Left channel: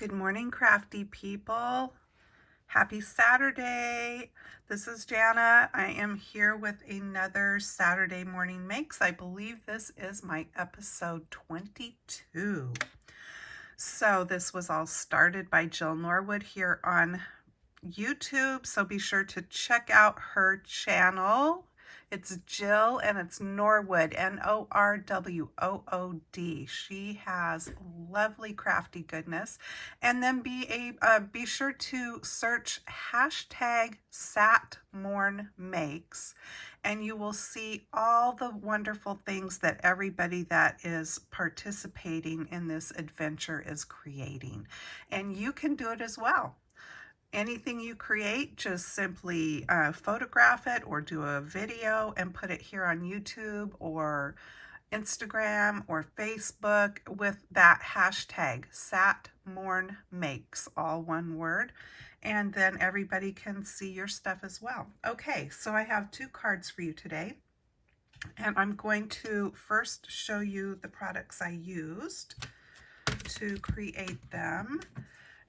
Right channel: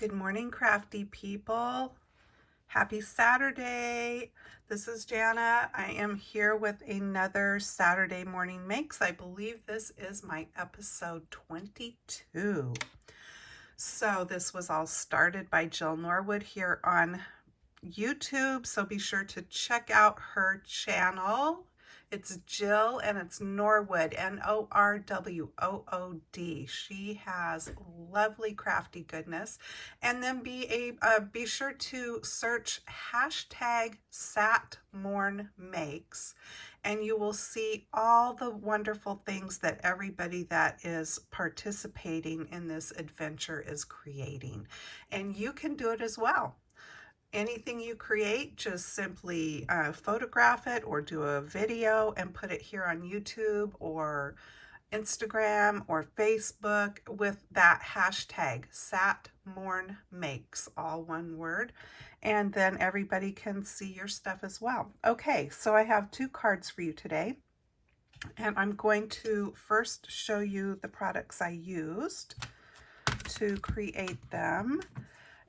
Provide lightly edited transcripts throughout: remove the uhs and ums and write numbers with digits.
Good morning, crafty people. Happy Saturday. This is Jana. I am here with another Saturday Morning Makes. I believe this is my episode 22. So this was all started by Jill Norwood here on YouTube. So be sure to check out her channel. It's Jill and it's Norwood, Norwood. She has lovely crafty goodness. And then be sure to search hashtag SatMornMakes, and you will see all the wonderful things that everybody that is participating in this adventure is creating. And you can do it as well. Anything you create, just simply photograph it or do a video and put it here on YouTube or Instagram or Facebook with that hashtag SatMornMakes, all one word, and then everybody can see your stuff as well. Okay, so I have two cards for you today, and I'm going to first show you the products I used to create them.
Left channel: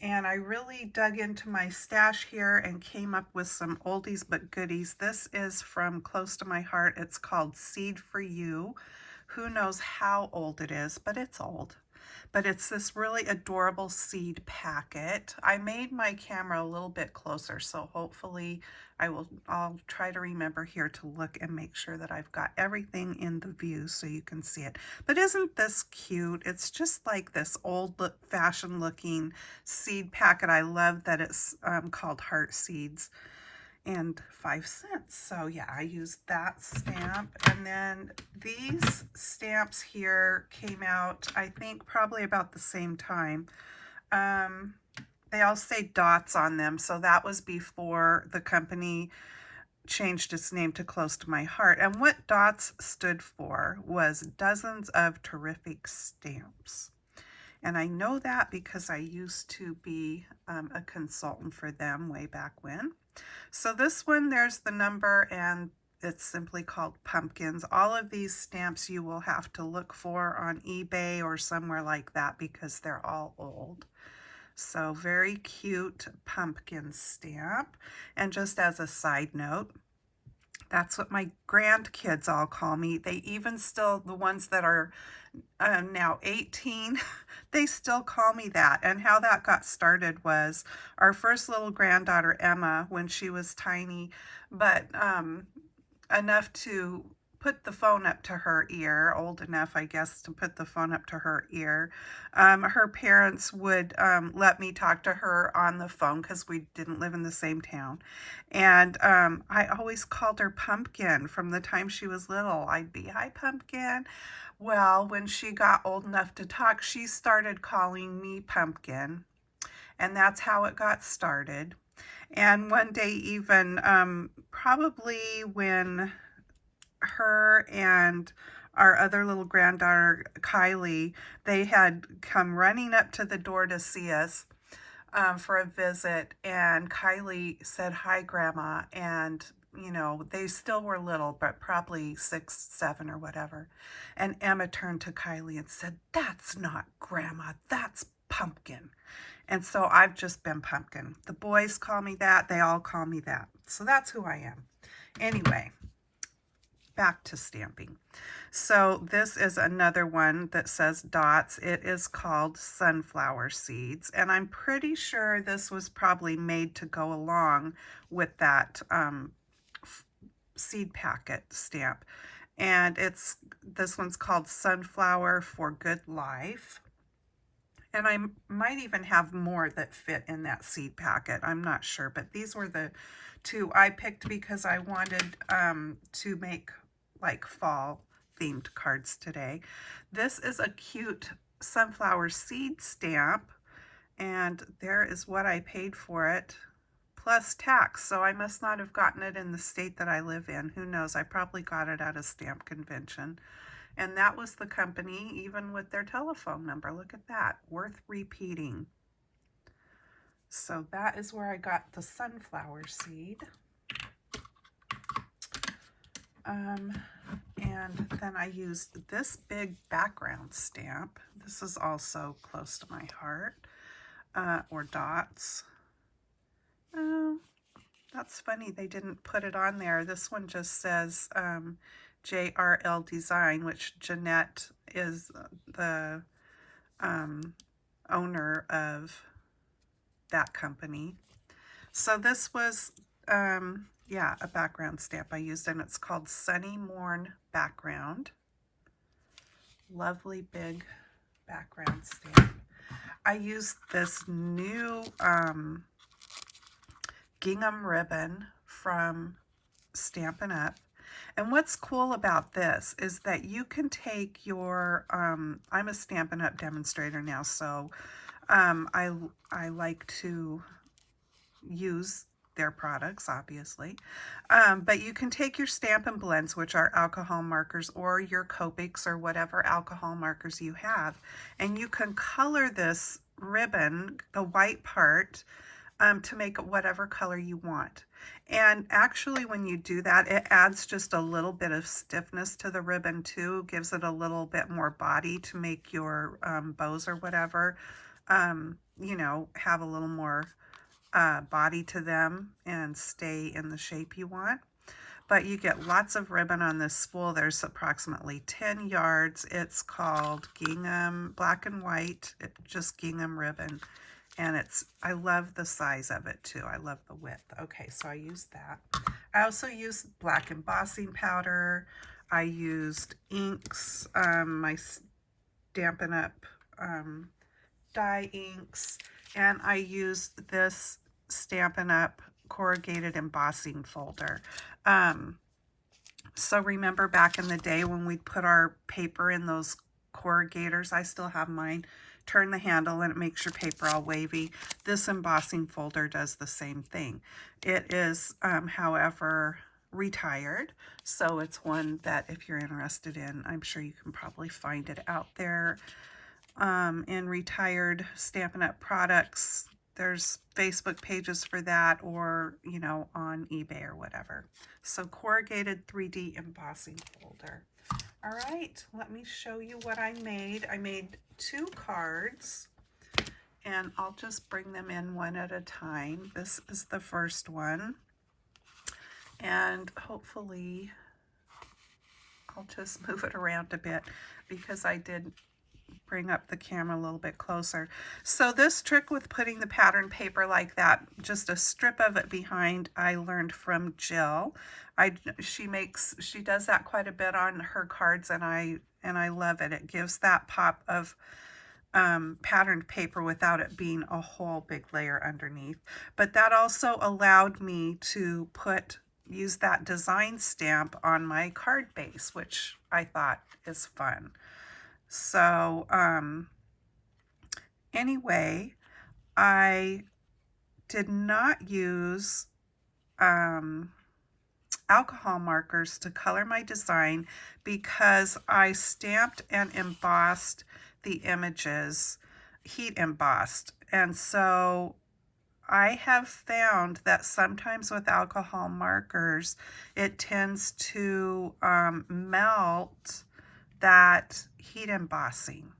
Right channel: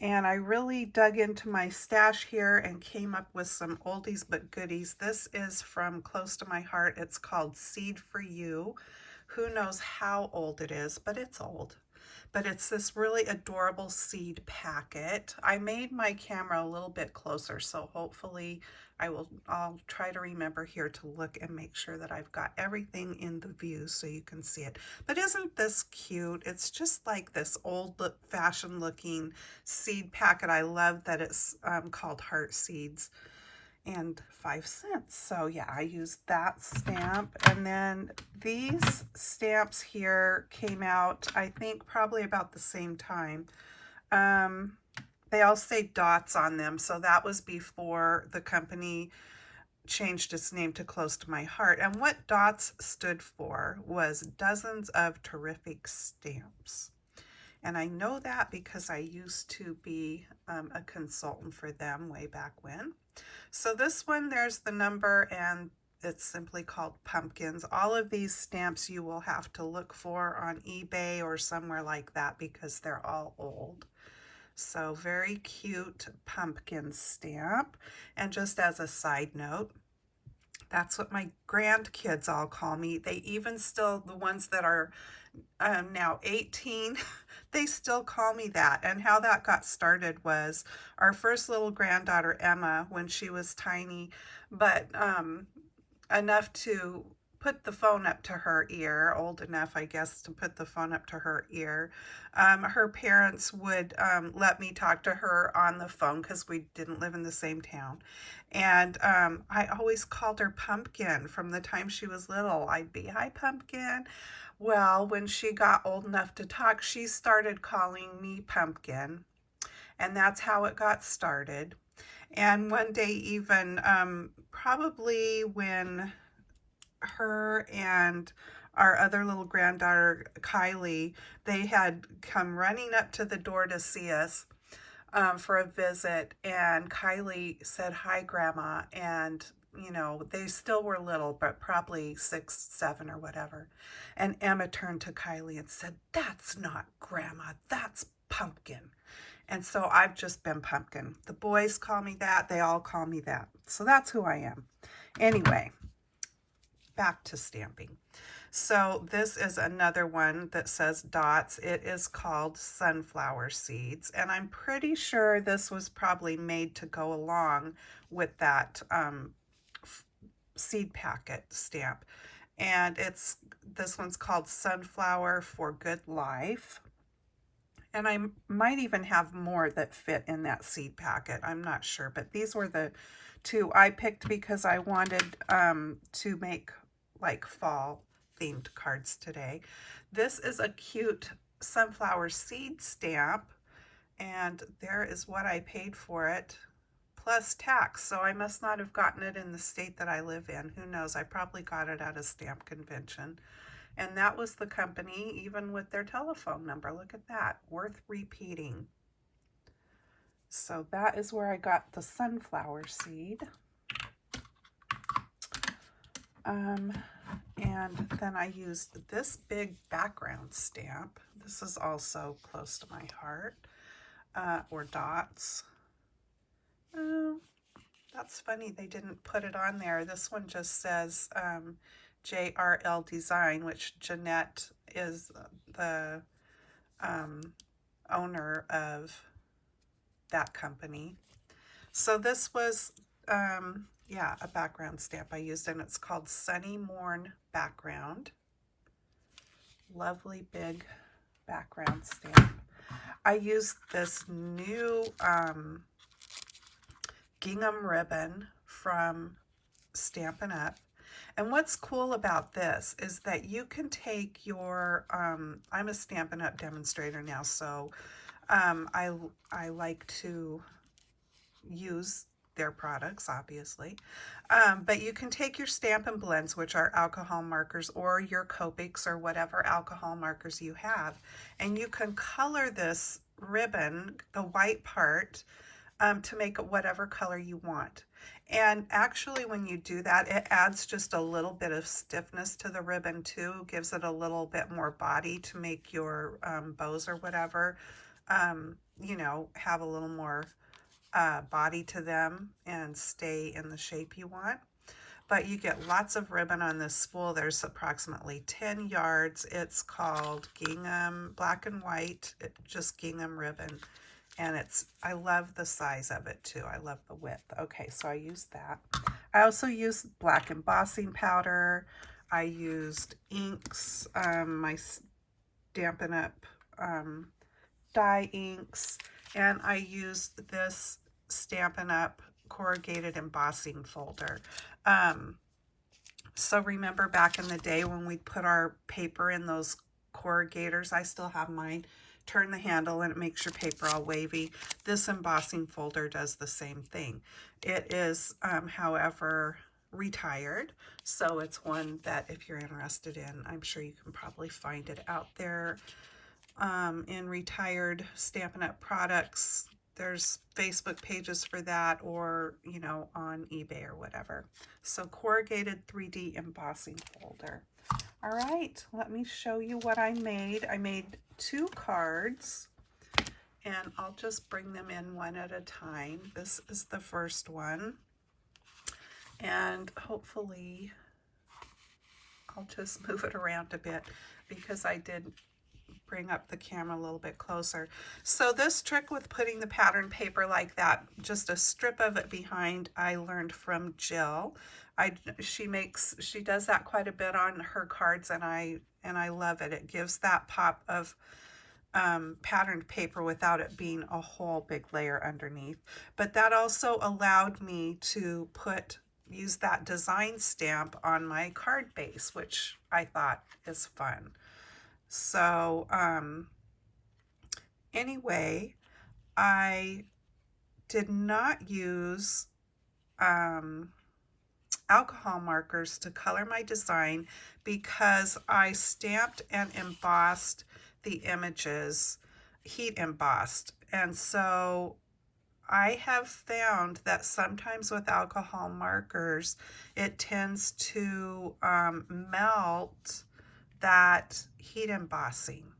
And I really dug into my stash here and came up with some oldies but goodies. This is from close to my heart. It's called Seed for You. Who knows how old it is, but it's old. But it's this really adorable seed packet. I made my camera a little bit closer, so hopefully I'll try to remember here to look and make sure that I've got everything in the view so you can see it. But isn't this cute? It's just like this old-fashioned looking seed packet. I love that it's called Heart Seeds, and 5 cents. So yeah, I used that stamp. And then these stamps here came out, I think, probably about the same time. They all say dots on them, so that was before the company changed its name to Close to My Heart. And what dots stood for was Dozens of Terrific Stamps. And I know that because I used to be a consultant for them way back when. So this one, there's the number, and it's simply called Pumpkins. All of these stamps you will have to look for on eBay or somewhere like that because they're all old. So very cute pumpkin stamp. And just as a side note, that's what my grandkids all call me. They even still, the ones that are now 18, they still call me that. And how that got started was our first little granddaughter, Emma, when she was tiny, but enough to put the phone up to her ear, old enough, I guess, to put the phone up to her ear. Her parents would let me talk to her on the phone because we didn't live in the same town. And I always called her Pumpkin from the time she was little. I'd be, "Hi, Pumpkin." Well, when she got old enough to talk, she started calling me Pumpkin. And that's how it got started. And one day even, probably when her and our other little granddaughter, Kylie, they had come running up to the door to see us for a visit. And Kylie said, "Hi, Grandma." And you know, they still were little, but probably 6, 7 or whatever. And Emma turned to Kylie and said, "That's not Grandma, that's Pumpkin." And so I've just been Pumpkin. The boys call me that. They all call me that. So that's who I am. Anyway, back to stamping. So this is another one that says dots. It is called Sunflower Seeds. And I'm pretty sure this was probably made to go along with that seed packet stamp. And this one's called Sunflower for Good Life. And I might even have more that fit in that seed packet. I'm not sure, but these were the two I picked because I wanted to make like fall themed cards today. This is a cute sunflower seed stamp, and there is what I paid for it, plus tax. So I must not have gotten it in the state that I live in. Who knows? I probably got it at a stamp convention. And that was the company, even with their telephone number. Look at that, worth repeating. So that is where I got the sunflower seed. And then I used this big background stamp. This is also close to my heart. or dots. Oh, that's funny. They didn't put it on there. This one just says JRL Design, which Jeanette is the owner of that company. So this was, yeah, a background stamp I used, and it's called Sunny Morn Background. Lovely big background stamp. I used this new gingham ribbon from Stampin' Up. And what's cool about this is that you can take your, I'm a Stampin' Up demonstrator now, so I like to use their products, obviously. But you can take your Stampin' Blends, which are alcohol markers, or your Copics or whatever alcohol markers you have, and you can color this ribbon, the white part, to make it whatever color you want. And actually when you do that, it adds just a little bit of stiffness to the ribbon too, gives it a little bit more body to make your bows or whatever, you know, have a little more body to them and stay in the shape you want. But you get lots of ribbon on this spool. There's approximately 10 yards. It's called gingham, black and white, just gingham ribbon. And I love the size of it too. I love the width. Okay, so I used that. I also used black embossing powder. I used inks, my Stampin' Up die inks, and I used this Stampin' Up corrugated embossing folder. So remember back in the day when we'd put our paper in those corrugators, I still have mine, turn the handle and it makes your paper all wavy. This embossing folder does the same thing. It is, however, retired, so it's one that if you're interested in, I'm sure you can probably find it out there in retired Stampin' Up products. There's Facebook pages for that, or, you know, on eBay or whatever. So corrugated 3D embossing folder. All right, let me show you what I made. I made 2 cards, and I'll just bring them in one at a time. This is the first one, and hopefully I'll just move it around a bit because I did bring up the camera a little bit closer. So this trick with putting the pattern paper like that, just a strip of it behind, I learned from Jill. She does that quite a bit on her cards, and I love it. It gives that pop of patterned paper without it being a whole big layer underneath. But that also allowed me to use that design stamp on my card base, which I thought is fun. So anyway, I did not use alcohol markers to color my design because I stamped and embossed the images, heat embossed. And so I have found that sometimes with alcohol markers, it tends to melt that heat embossing.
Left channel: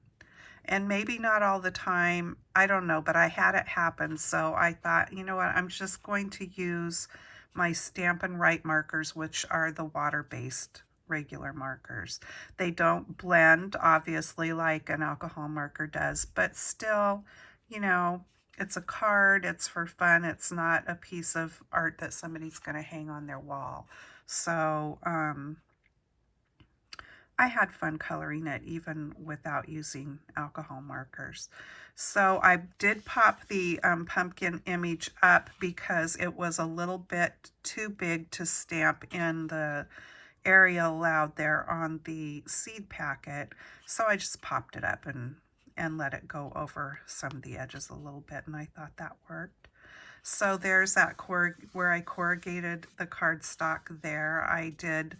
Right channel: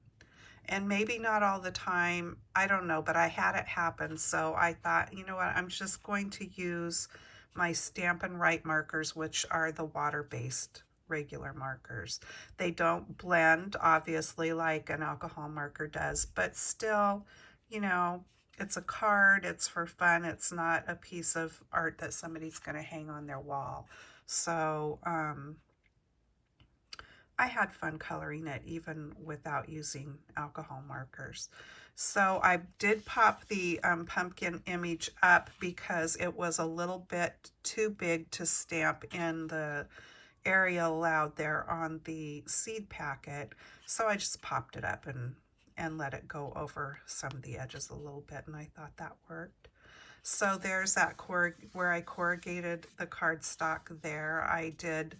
And maybe not all the time, I don't know, but I had it happen. So I thought, you know what, I'm just going to use my Stampin' Write markers, which are the water-based regular markers. They don't blend, obviously, like an alcohol marker does, but still, you know, it's a card, it's for fun, it's not a piece of art that somebody's going to hang on their wall. So, I had fun coloring it even without using alcohol markers. So I did pop the pumpkin image up because it was a little bit too big to stamp in the area allowed there on the seed packet. So I just popped it up and let it go over some of the edges a little bit, and I thought that worked. So there's that where I corrugated the cardstock there. I did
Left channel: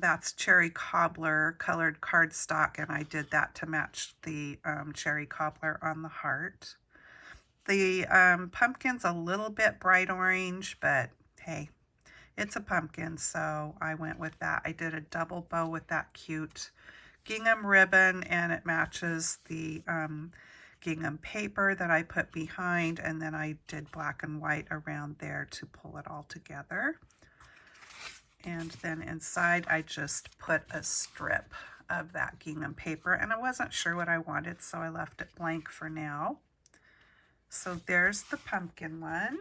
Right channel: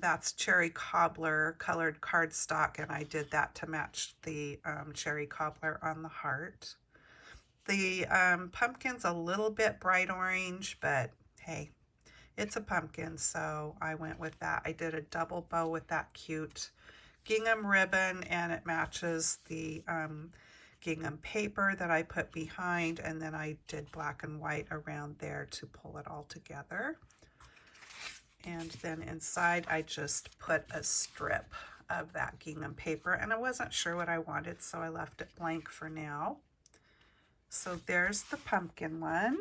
that's cherry cobbler colored cardstock, and I did that to match the cherry cobbler on the heart. The pumpkin's a little bit bright orange, but hey, it's a pumpkin, so I went with that. I did a double bow with that cute gingham ribbon, and it matches the gingham paper that I put behind, and then I did black and white around there to pull it all together. And then inside I just put a strip of that gingham paper, and I wasn't sure what I wanted, so I left it blank for now. So there's the pumpkin one,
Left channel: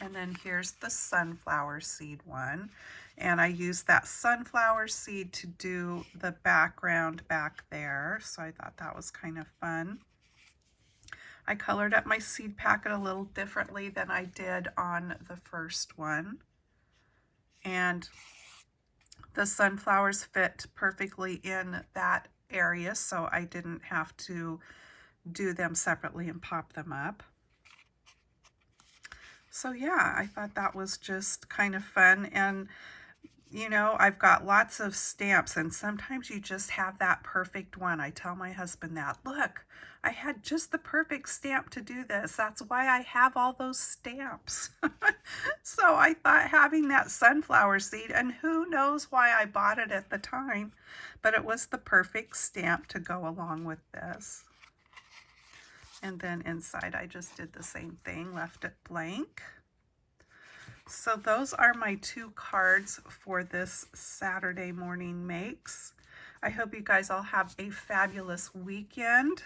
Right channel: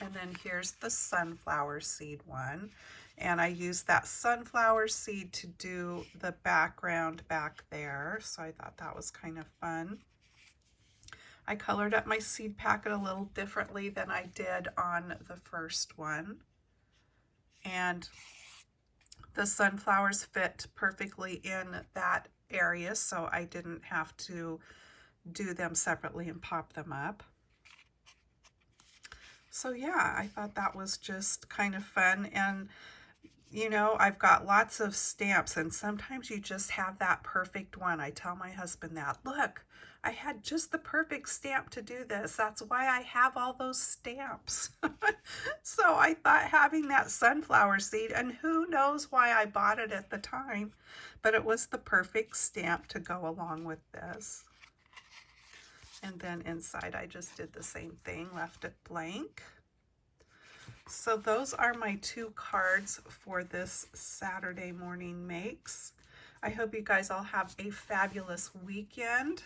and then here's the sunflower seed one, and I used that sunflower seed to do the background back there, so I thought that was kind of fun. I colored up my seed packet a little differently than I did on the first one, and the sunflowers fit perfectly in that area, so I didn't have to do them separately and pop them up. So yeah, I thought that was just kind of fun. And you know, I've got lots of stamps, and sometimes you just have that perfect one. I tell my husband that, look, I had just the perfect stamp to do this. That's why I have all those stamps. So I thought having that sunflower seed, and who knows why I bought it at the time, but it was the perfect stamp to go along with this. And then inside I just did the same thing, left it blank. So those are my 2 cards for this Saturday morning makes. I hope you guys all have a fabulous weekend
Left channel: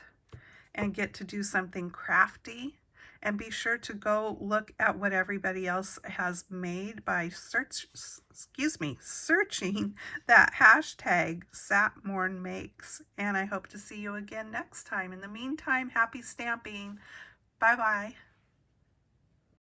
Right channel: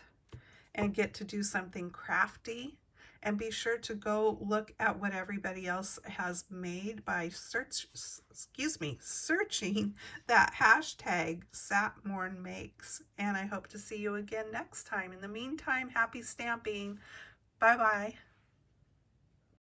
and get to do something crafty. And be sure to go look at what everybody else has made by searching that hashtag SatMornMakes. And I hope to see you again next time. In the meantime, happy stamping. Bye-bye.